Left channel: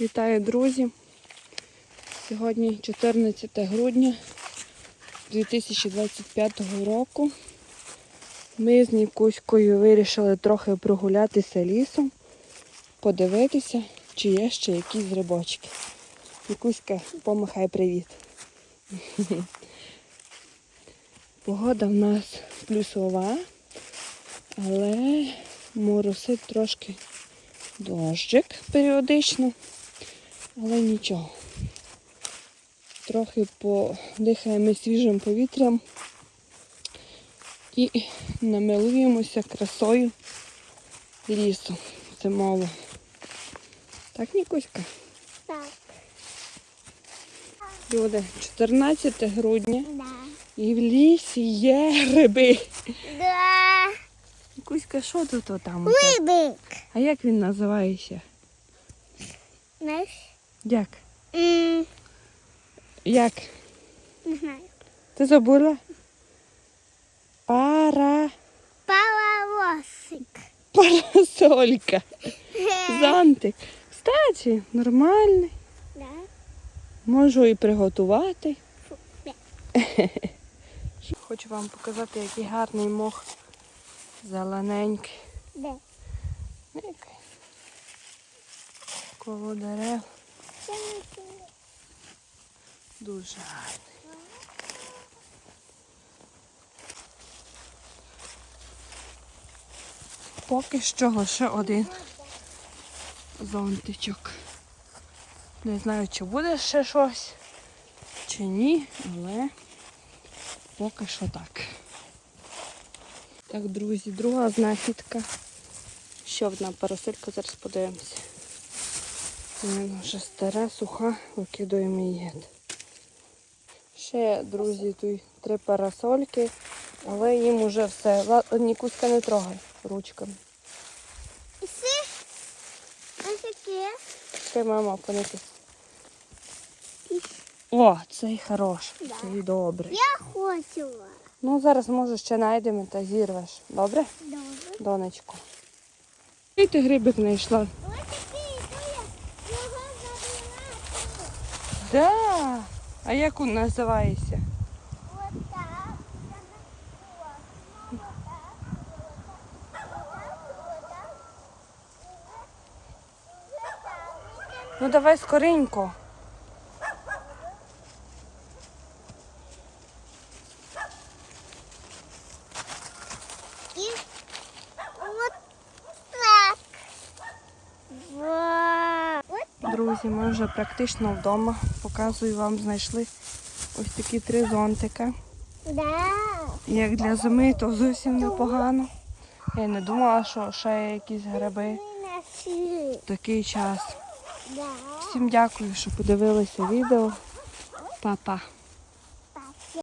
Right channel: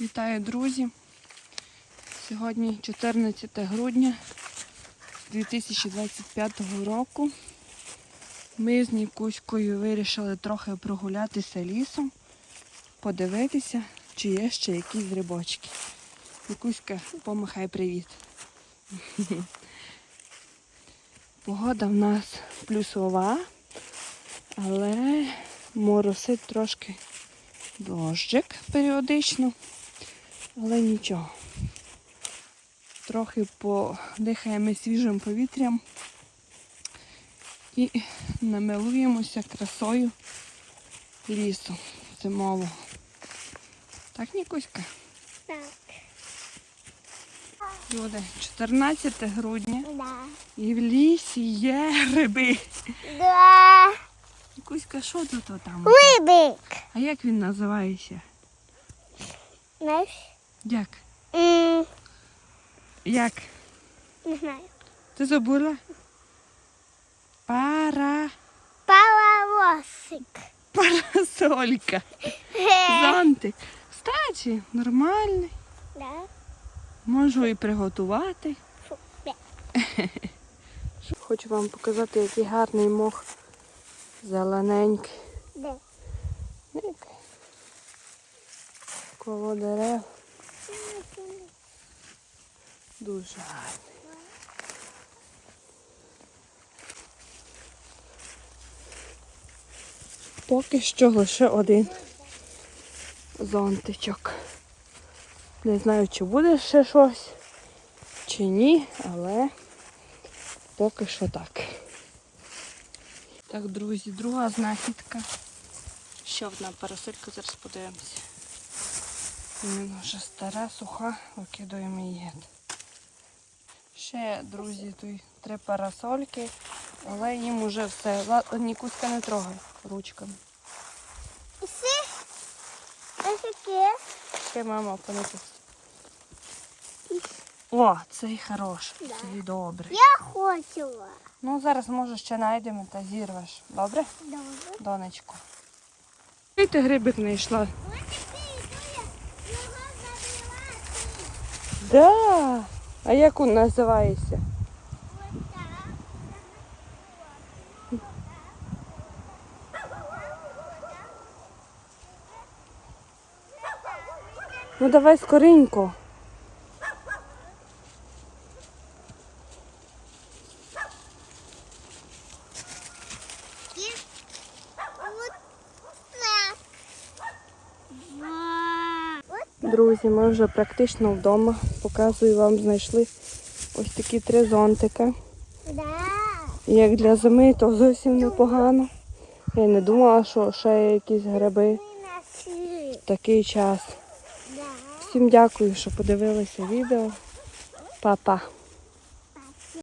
Вітаю, друзі! Сьогодні 14 грудня 2025 року. Ми з Нікуською вирішили трохи прогулятися лісом, подивитися, чи є ще якісь грибочки. Нікуська, помахай привіт. Погода в нас плюсова, але моросить трошки дощик періодично, але нічого. Трохи подихаємо свіжим повітрям і намилуємося красою лісу зимового. Так, Нікуська? Так. Буде 14 грудня Да. і в лісі є гриби. Да. Нікуська, що тут там? Рибик. А як він називається? Знаєш? Як? М, Як? Не знаю. Ти забула? Пара... Паровозик. Парасолька. Зонтик. Кстати, нормальний. Да. Можу і приготувати. Фу. Хочу вам показати, який гарний мох. Зелененький. Де? Коло дерев. Дуже. Поки що лише один зонтичок. Не знаю, чи буде ще щось, чи ні, але поки що так. Так, друзі, друга знахідка. Ще одна парасолька, зараз подивимося. Вона вже стара, суха, викидуємо її. Ще, друзі, тут три парасольки, але їм вже все. Ла- Нікуська не трогай ручками. Ще мама понесу. О, цей хороший, Да. цей добрий. Я хотіла. Ну, зараз може ще знайдемо та зірвеш. Добре, Добре. донечко? І ти грибик знайшла. Ось такий, то я Де? А як він називається? Ну давай скоренько. І от так. Вау. От Друзі, ми вже практично вдома. Показую вам, знайшли ось такі три зонтики. Як для зими, то зовсім непогано. Я не думала, що ще є якісь гриби в такий час. Всім дякую, що подивилися відео. Па-па.